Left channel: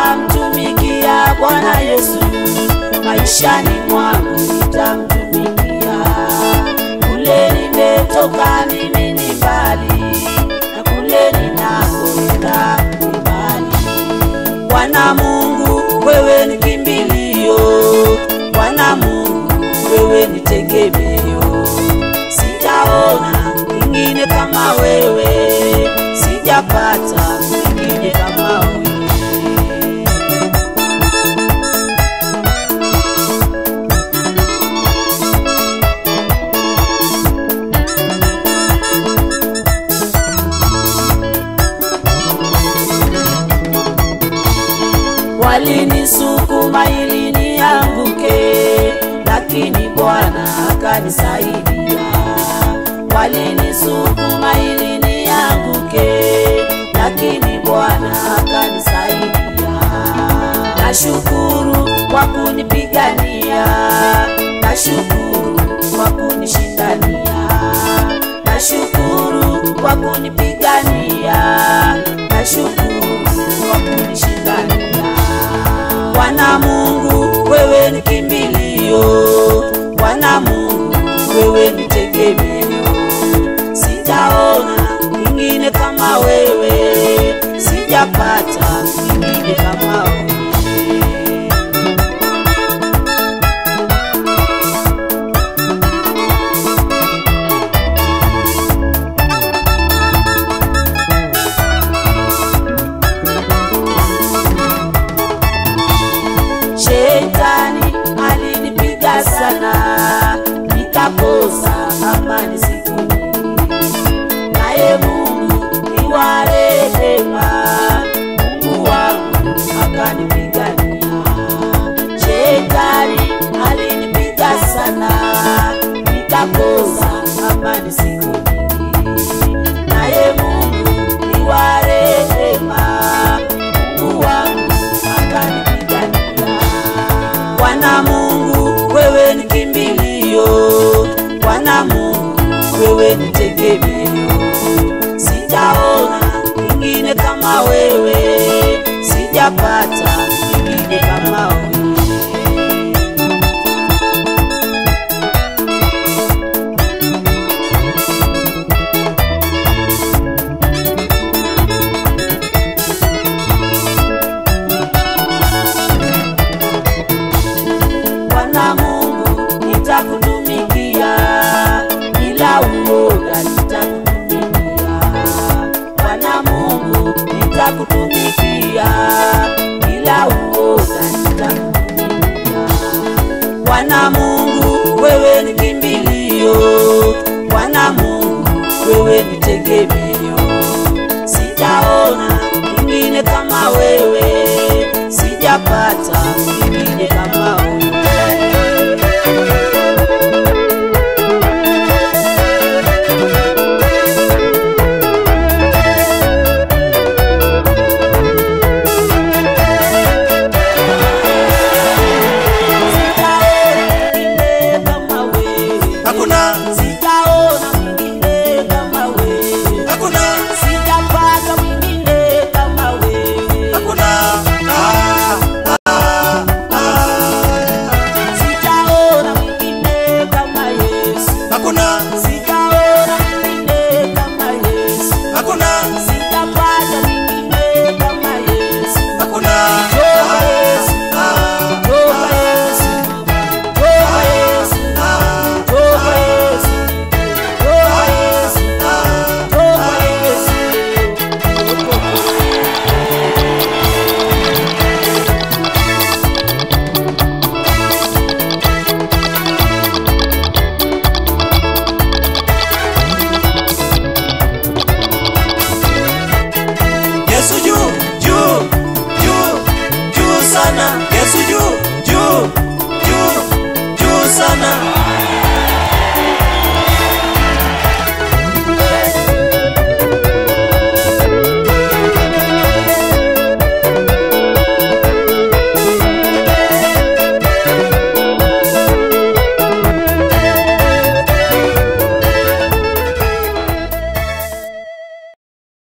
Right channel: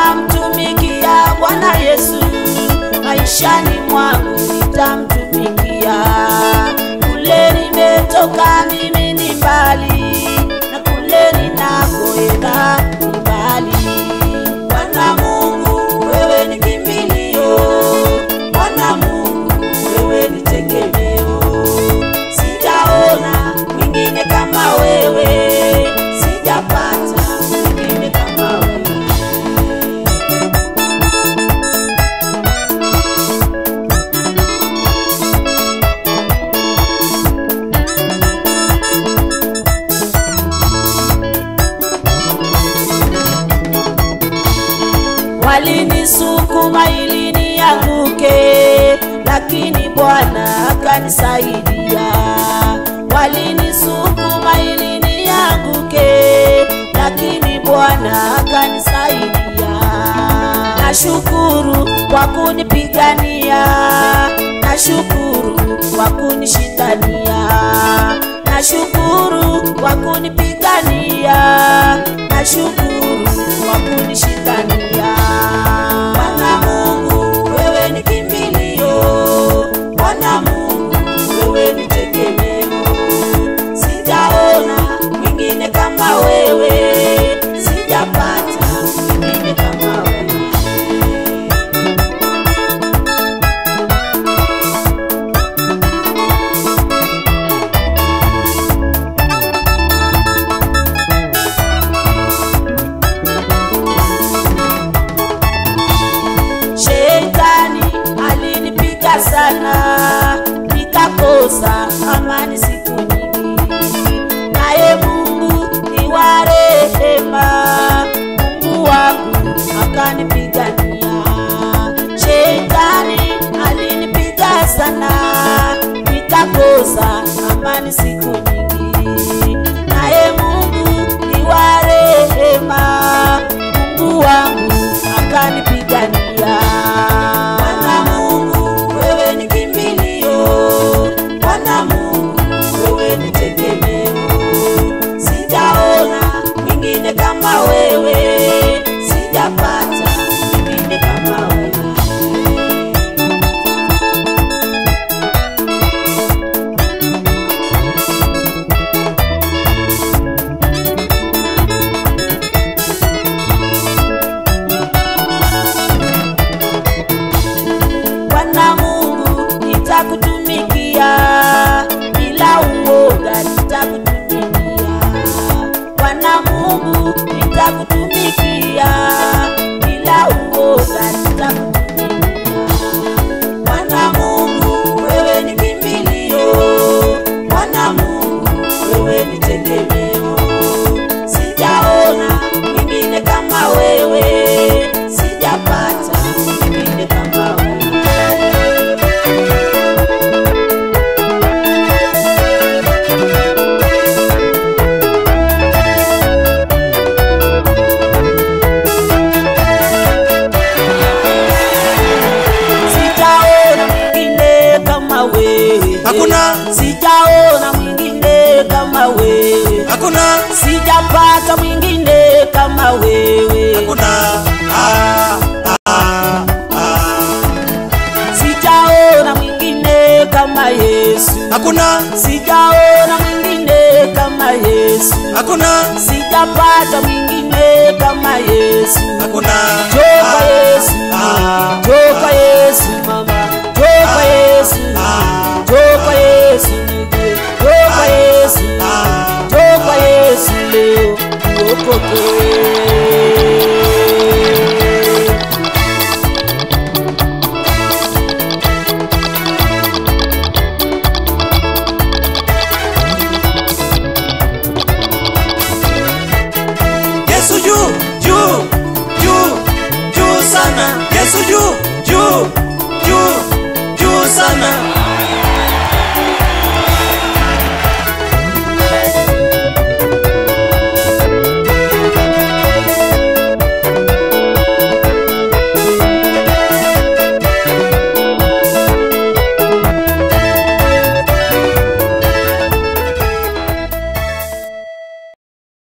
Nitamtumikia Bwana Yesu, maishani mwangu nitamtumikia. Kule nimetoka mimi ni mbali, na kule ninakoenda ni mbali. Bwana Mungu wewe ni kimbilio, Bwana Mungu wewe ni tegemeo. Sijaona mwingine kama wewe, sijapata mwingine kama wewe. Walinisukuma ili nianguke, lakini Bwana akanisaidia. Walinisukuma ili nianguke, lakini Bwana akanisaidia. Nashukuru kwa kunipigania, nashukuru kwa kunishindania, nashukuru kwa kunipigania, nashukuru kwa kunishindania. Bwana Mungu wewe ni kimbilio, Bwana Mungu wewe ni tegemeo. Sijaona mwingine kama wewe, sijapata mwingine kama wewe. Shetani alinipiga sana, nikakosa amani siku nyingi. Naye Mungu ni wa rehema, Mungu wangu akanipigania. Shetani alinipiga sana, nikakosa amani siku nyingi. Naye Mungu ni wa rehema, Mungu wangu akanipigania. Bwana Mungu wewe ni kimbilio, Bwana Mungu wewe ni tegemeo. Sijaona mwingine kama wewe, sijapata mwingine kama wewe. Bwana Mungu nitakutumikia, bila uoga nitakutumikia. Bwana Mungu nitakutumikia.